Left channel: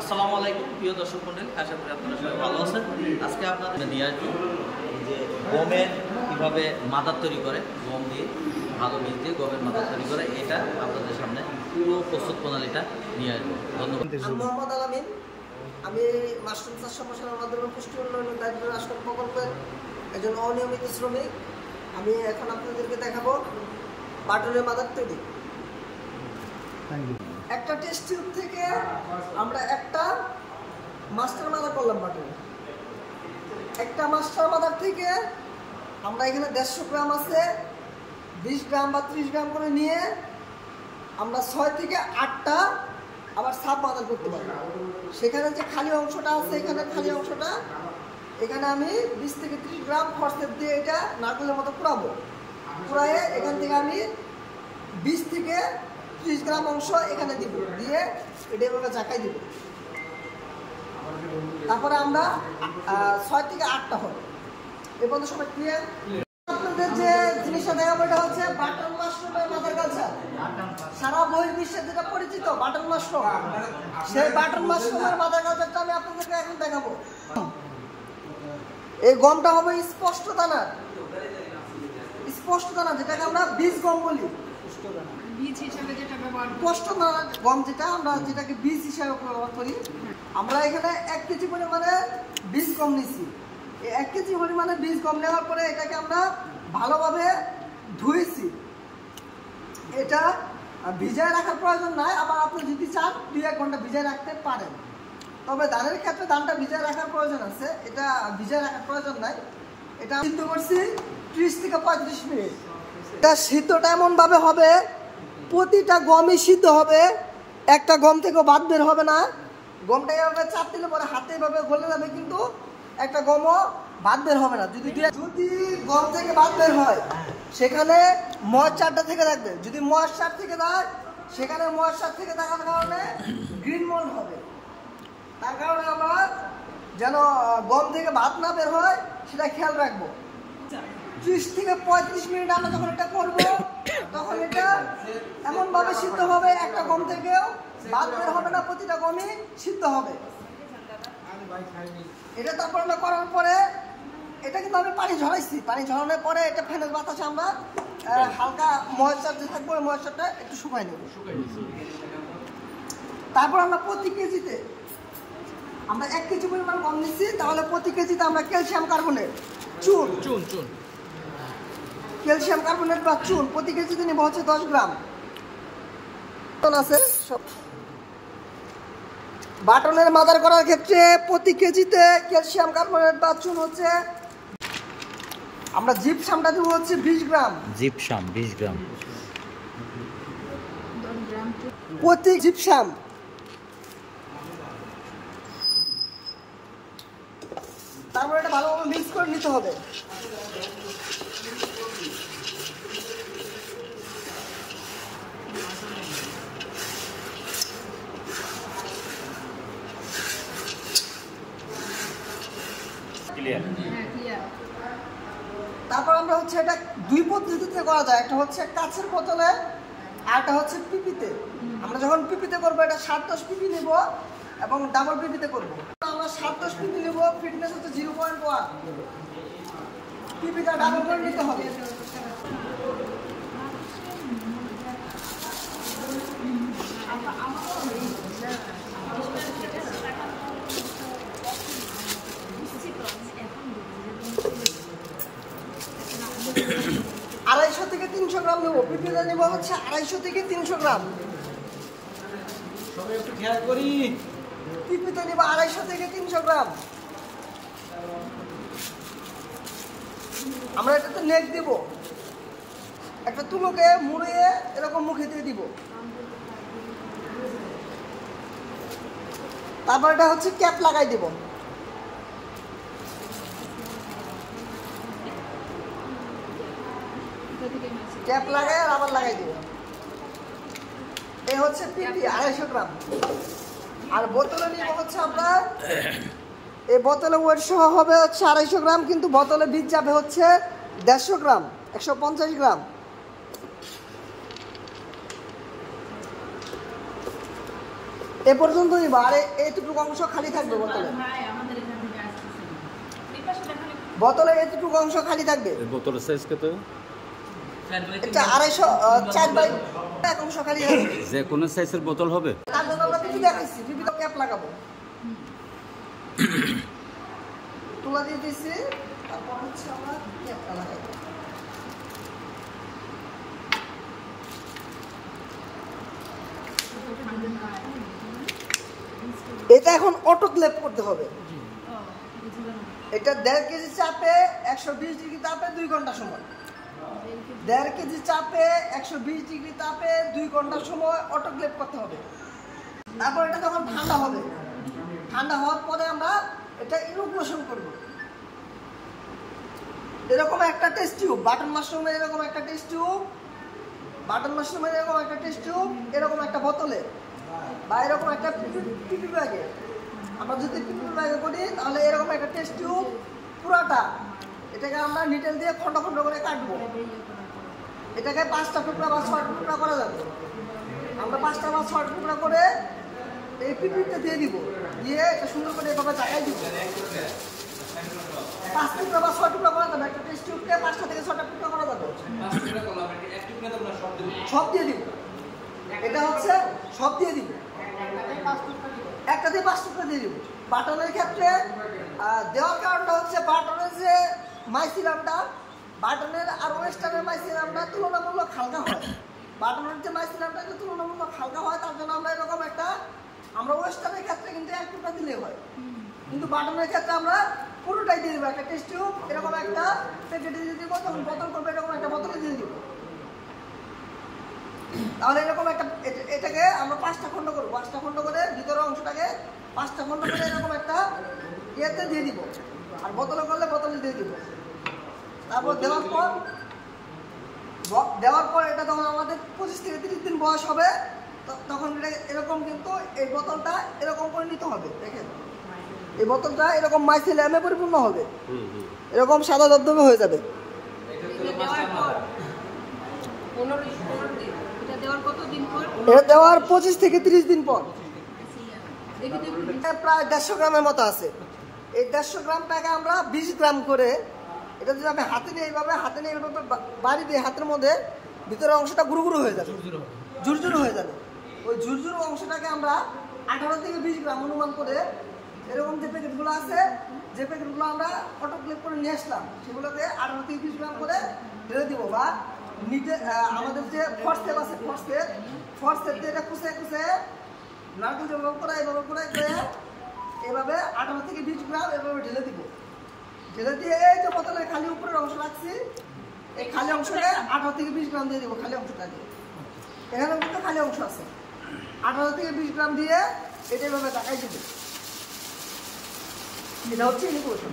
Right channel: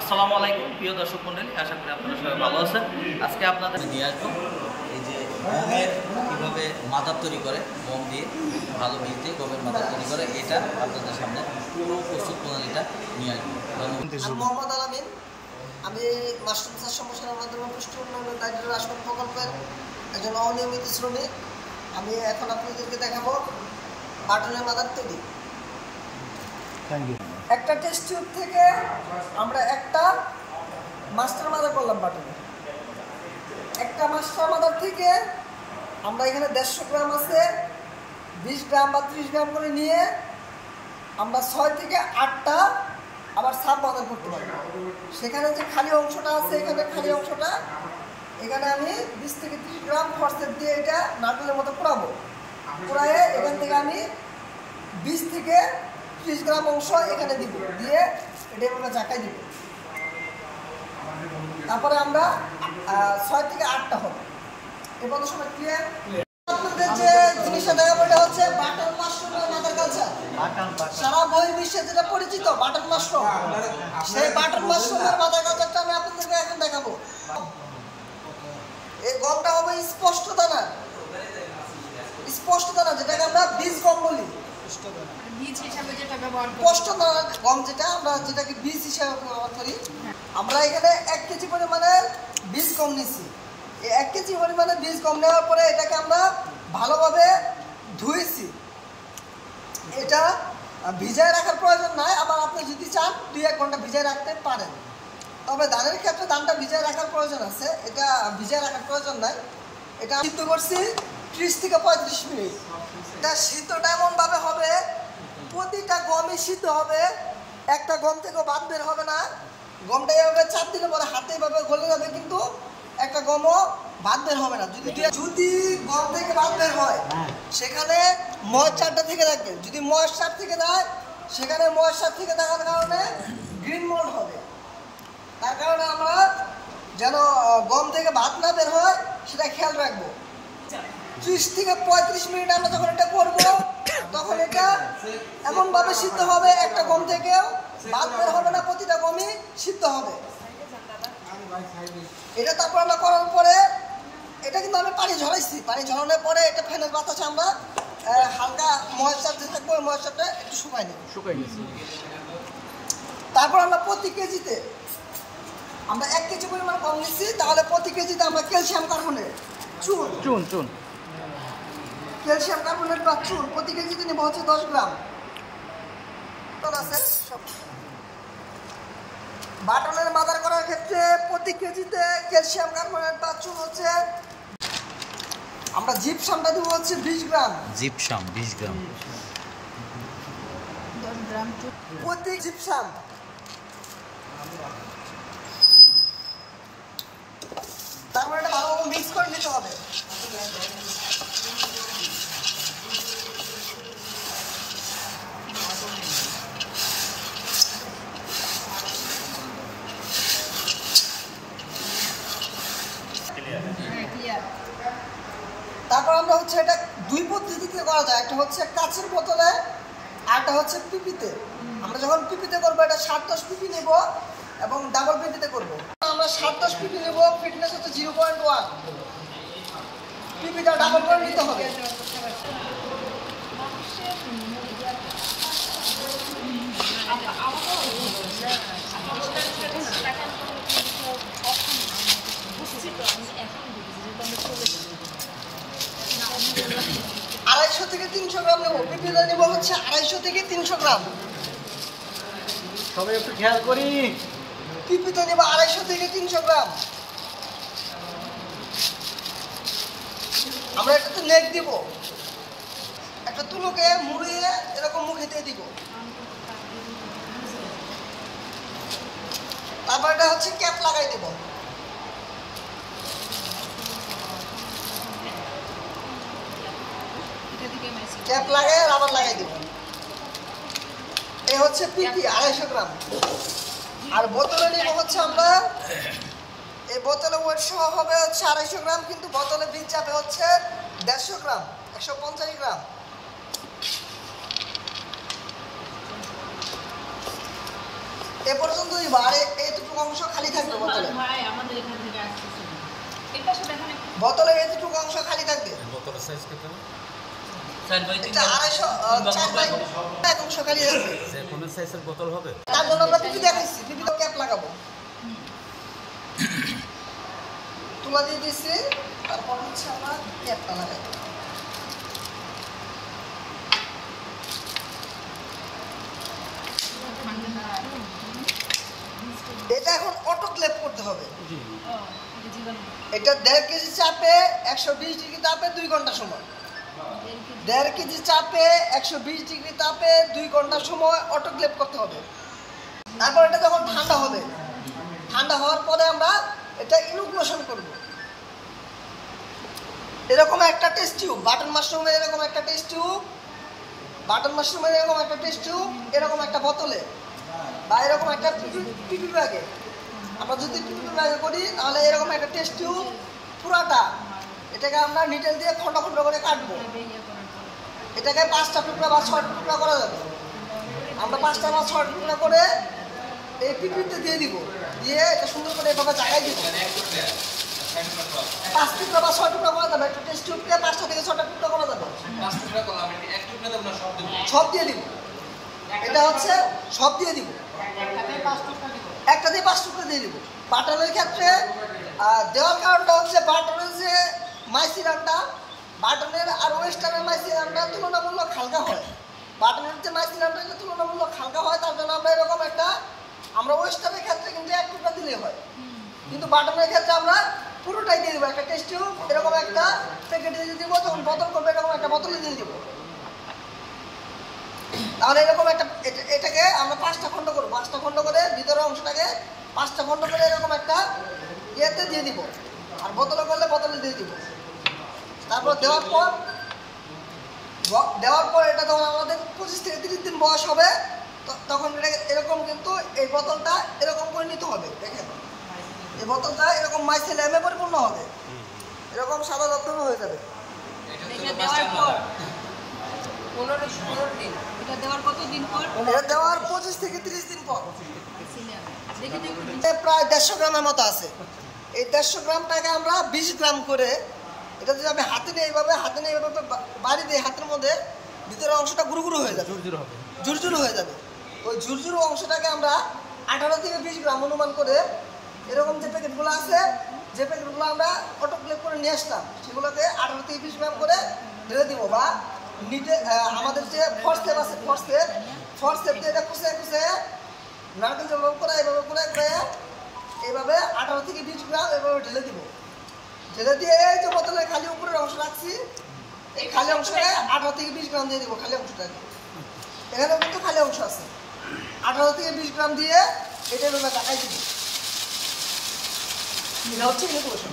আসসালামু আলাইকুম প্রিয় দর্শক মণ্ডলী, আশা করি আপনারা সবাই ভালো আছেন। আজকে আপনাদের নিয়ে আসবো এই যে গমের কীভাবে মাদার তৈরি করে, গম দিয়ে ভালো বীজ দিয়ে গমের মাদার তৈরি করে, এটা আপনাদের সামনে পুরো প্রস্তুত প্রণালীটা নিয়ে আসবো। মোহাম্মদ আলামিন, আমি মাশরুম চাষ সম্প্রসারণের মাধ্যমে পুষ্টি উন্নয়ন দায়িত্ব রাষ্ট্র প্রকল্পের একজন অনিয়মিত শ্রমিক। আমি এখন আপনাদেরকে দেখাবো বাটনের মাদার তৈরি। একটা টেস্ট টিউব থেকে আমরা একটা মাস্টার মাদার করলাম বাটনে। একটা মাস্টার মাদার থেকে আমরা এখানে 150 গ্রাম আছে, 20 গ্রাম বা 30 গ্রাম করে নিয়ে আমরা 6 থেকে 8টা আবার সাব মাদার করতে পারি। সেখানে যে খালি অংশটা আছে, এখানে খালি অংশটা এখানে আমি 20 থেকে 30 গ্রাম ফরসেপ দিয়ে এটা নারকেলের মতো পোড়াবো। পোড়ায়ে এখান থেকে আমি 20 থেকে 30 গ্রাম অংশ এখানে দিব, দিয়ে এটা এভাবে জাকাই দিব। তারপরে আমরা 6 থেকে 8টা হবে। এ পর্যন্ত সময় ক্লিয়ার? আপনাদের যে জিনিসটা দেখাবো এটা হচ্ছে বাটন মাশরুমের মাদার কালচার। সারা বহির্বিশ্বে যেটা পরিচিত বাটন মাশরুম, সেই বাটন মাশরুমের মাদার কালচারটা আমি আপনাদেরকে এখন দেখাবো। এই গমটা হবে স্পষ্ট দানা, স্পষ্ট দানা যেটাকে আমরা বীজ গম বলি। স্পষ্ট দানা গম যেটা আমরা যেটাকে বীজ হিসাবে ব্যবহার করি। আমরা এখানে 1 কেজি পরিমাণে বীজ গম নিছি। এই 1 কেজি পরিমাণে বীজ গম নেওয়ার পরে এটাকে আমরা ভালোভাবে ধুয়েছি। এটা ভিজায় রাখার প্রয়োজন নাই, আবার আপনি যদি চান 2-1 ঘন্টা ভিজায় রাখতে পারেন। তবে ধানের ক্ষেত্রে ধানটা ভিজায় রাখার প্রয়োজন আছে, এটা ভিজায় রাখার প্রয়োজন নাই। এটা সিদ্ধ করছি 30 থেকে 35 মিনিট। এটা সিদ্ধটা এমনভাবে হবে প্রতিটা গমই সিদ্ধ হবে, একটা গম থেকেও বাদ বের হবে না। গমটা এভাবে চাপ দিলে পরে হাতে এভাবে গলে যাবে, কিন্তু একটা গমও বাদ বের হবে না। যদি গম থেকে বাদ বের হয় সেখানে ময়েশ্চারটা থেকে থাকবে। যদি ময়েশ্চার থেকে দেয় সেখানে ময়েশ্চার থেকে থাকার কারণে গ্রিন মল হবে। তার কারণে আমরা যেন গম থেকে ভাত না বের হয় সেটা খেয়াল রাখবো। 30 থেকে 35 মিনিট আমরা যখন এটা করবো তখন এটা এমনভাবে সিদ্ধ হবে একটা গম থেকেও ভাত বের হবে না, প্রতিটা গমই সিদ্ধ হবে। এটা তারপর আমরা করার পরে এটা কিন্তু আমি পানি ঝরাইছি। পানি ঝরানোর পরে এটা ফ্যানের বাতাসে আমরা হালকা ময়েশ্চার যে থাকবো ওই ময়েশ্চারটা একটু শুকাই নেব। তারপর আমরা প্রতি কেজিতে আমরা 1 কেজি পরিমাণ গম নিচ্ছি, তাহলে প্রতি কেজিতে আমরা ক্যালসিয়াম কার্বনেট চুন ক্যালসিয়াম কার্বনেট বা চুন প্রতি কেজিতে নেব হচ্ছে 10 গ্রাম। আছে বাটনের মাদার করার ক্ষেত্রে প্রতি কেজিতে ক্যালসিয়াম কার্বনেট বা চুন হচ্ছে আমরা জিপসামটা দেবো হচ্ছে 20 গ্রাম। জিপসাম 20 গ্রাম প্রতি জিপসাম। তারপর এটা ভালোভাবে মিক্স করে নিতে হবে। তারপর আমরা হচ্ছে এটা 2 পদ্ধতিতে করা যায়, একটা হচ্ছে কাচের বোতলে আর একটা হচ্ছে পিপিতে। আমরা যখন পিপিতে করবো এটা 7-10 পিপি নেব এবং ডাবল পিপিতে করব। আমরা 7-10 পিপি নেব, ফিটনেস হচ্ছে 0.1। পিপিটা ডাবল করে নিতে হবে। থেকে 300 গ্রাম নেব। পিপিতে নেব হচ্ছে 250 থেকে 300 গ্রাম। সবাই একটু খেয়াল করি। পিপিতে নেব 250 থেকে 300 গ্রাম। আমরা এটাতে নেক দিব, একটা তুলোকে মুড়িয়ে এরকম মুখে দিয়ে দিব। তারপর এটা হচ্ছে ক্যাপ লাগাই দিব। ক্যাপ লাগাই আর আবার লাগাই দেব। এই হচ্ছে পিপি 250 গ্রাম। আর বোতলে নিব হচ্ছে আমরা, এই বোতলে ওয়েট সহ হবে হচ্ছে 250 গ্রাম, কিন্তু বোতলে বীজ যাবে হচ্ছে 150 গ্রাম, 150 গ্রাম। এ পর্যন্তই আর এইটুকু অংশ খালি থাকবে বোতলে। বোতলে এইটুকু অংশ খালি থাকবে। বোতলের সাইজ কত? এটা 250 4 বাই এক অংশ খালি থাকবে। যে কোনো সাইজের বোতল হবে? তার জন্য আমরা পিপি দেখাইছি, পিপি তো ক্যাপ লাগাবো। তুলা দিয়ে দিয়েছি, তারপর হচ্ছে আমরা ক্যাপটা লাগাই। এটা এখন অটোক্লেভ করতে হবে। এটা 1.5 কেজি চাপে 120 ডিগ্রি তাপে 2 ঘন্টা সময়। 1.5 কেজি চাপে 120 ডিগ্রি তাপে 2 ঘন্টা সময় অটোক্লেভ করতে হবে। তারপর এটা যখন ঠান্ডা হবে, ঠান্ডা হওয়ার পরে আমরা এটা ইনোকুলেশন করব। এরকম একটা টেস্ট টিউব, বাটন মাশরুমের এরকম একটা টেস্ট টিউব, বাটন মাশরুমের এরকম একটা টেস্ট টিউব, এরকম একটা বোতলে বা এরকম একটা পিপি ব্যাগে, আমরা যদি পিপি ব্যাগে করি তাহলে এরকম একটা টেস্ট টিউব পুরাটা এটাকে আমরা নিটেল দিয়ে খন্ড খন্ড করে কাটবো। এটাকে 5টা টুকরা বা 6টা টুকরা করা যাবে। আমরা 5টা বা 6টা টুকরা করে এই পিপিতে দিয়ে দিব, দিয়ে এটা সুন্দর করে এভাবে জায়গায় দিব। 5 টুকরা বা 6 টুকরা করা যাবে। একটা টেস্ট টিউবকে 5টা থেকে 6টা টুকরা করা যাবে। 5 টুকরা করলাম, এক টুকরা দেব না, সব দেব। সব দিয়ে দিব। এটা হচ্ছে সব দিয়ে দিব। একটা দিয়ে 5 টুকরা দিয়ে দিব। বাটনের ক্ষেত্রে দেওয়ার কারণটা হচ্ছে বাটনের যে মাইসিলামটা, বাটনের আর ওয়েস্টার্নের মাইসিলামটা তুলনামূলক হালকা হয়। বাটনের যে মাইসিলামটা এটা তুলনামূলক হালকা হয়, তার জন্য আমরা এরকম একটা, আমরা ওয়েস্টার্নের ক্ষেত্রে কিন্তু 1 টুকরা দিলেই হয়, কিন্তু বাটনের ক্ষেত্রে আমরা পুরোটাই দিয়ে দেবো। একটা টেস্ট টিউব এরকম একটা প্যাকেটে দিয়ে দিব, যখন বোতল করবো এরকম একটা বোতলে দিয়ে দিব। তাহলে এরকম একটা এটাকে আমরা 5টা খণ্ড করবো। 5টা খণ্ড করে ভিতরের অংশটাকে 5টা খণ্ড করে এরকম একটা ইয়েতে দিয়ে দিব, আর বোতলে করলে বোতলে দিয়ে দিব। তারপর দেওয়ার পর এটা যখন আমাদের 25 থেকে 30 দিন বয়স হবে, তখন এটা এরকম কিন্তু এই বোতলটা এরকম করে নিতে হবে। দেখেন এই বোতলটা এরকম মাইসিলামে পরিপূর্ণ হবে, এরকম সাদা ধবধবে হয়ে যাবে। এটা দেওয়ার 25 থেকে 30 দিন পর প্রায় 150 গ্রামের মতো আছে। এই 150 গ্রামটাকে আমরা 20 গ্রাম করে, এটা যদি আমি হাতে নিয়ে এইভাবে বাড়ি দিয়ে হাতের মধ্যে ভিতরের অংশটা গুরু গুরু হয়ে যাবে, ঝুরঝুরু হয়ে যাবে। ওই ঝুরঝুরু অংশটাকে আমরা 18 থেকে 20 গ্রাম অনুমান করে এরকম যে প্যাকেটগুলো আছে, যে প্যাকেটগুলো আমরা অটোক্লেভ করে নিয়ে আসলাম, সেগুলোকে 18 থেকে 20 গ্রাম করে ঢেলে দিব। বা নিটে আমাদের যে ফর্সেপ আছে, ফর্সেপ দিয়ে এটা কুচে কুচে নারকেল যেভাবে করে এইভাবে করে এইভাবে 18 থেকে 20 গ্রাম এভাবে ঢেলে দিব। ঢেলে দিয়ে এই যে বোতলের খালি উপরের অংশ রাখছি, এই খালি অংশকে 18 থেকে 20 গ্রাম দিয়ে দিব। খালি অংশটাকে এখানেও কিন্তু খালি অংশ আছে, 18 থেকে 20 গ্রাম দিয়ে এটা এভাবে দেখাই দিব। এটা হচ্ছে ইনোকুলেশন।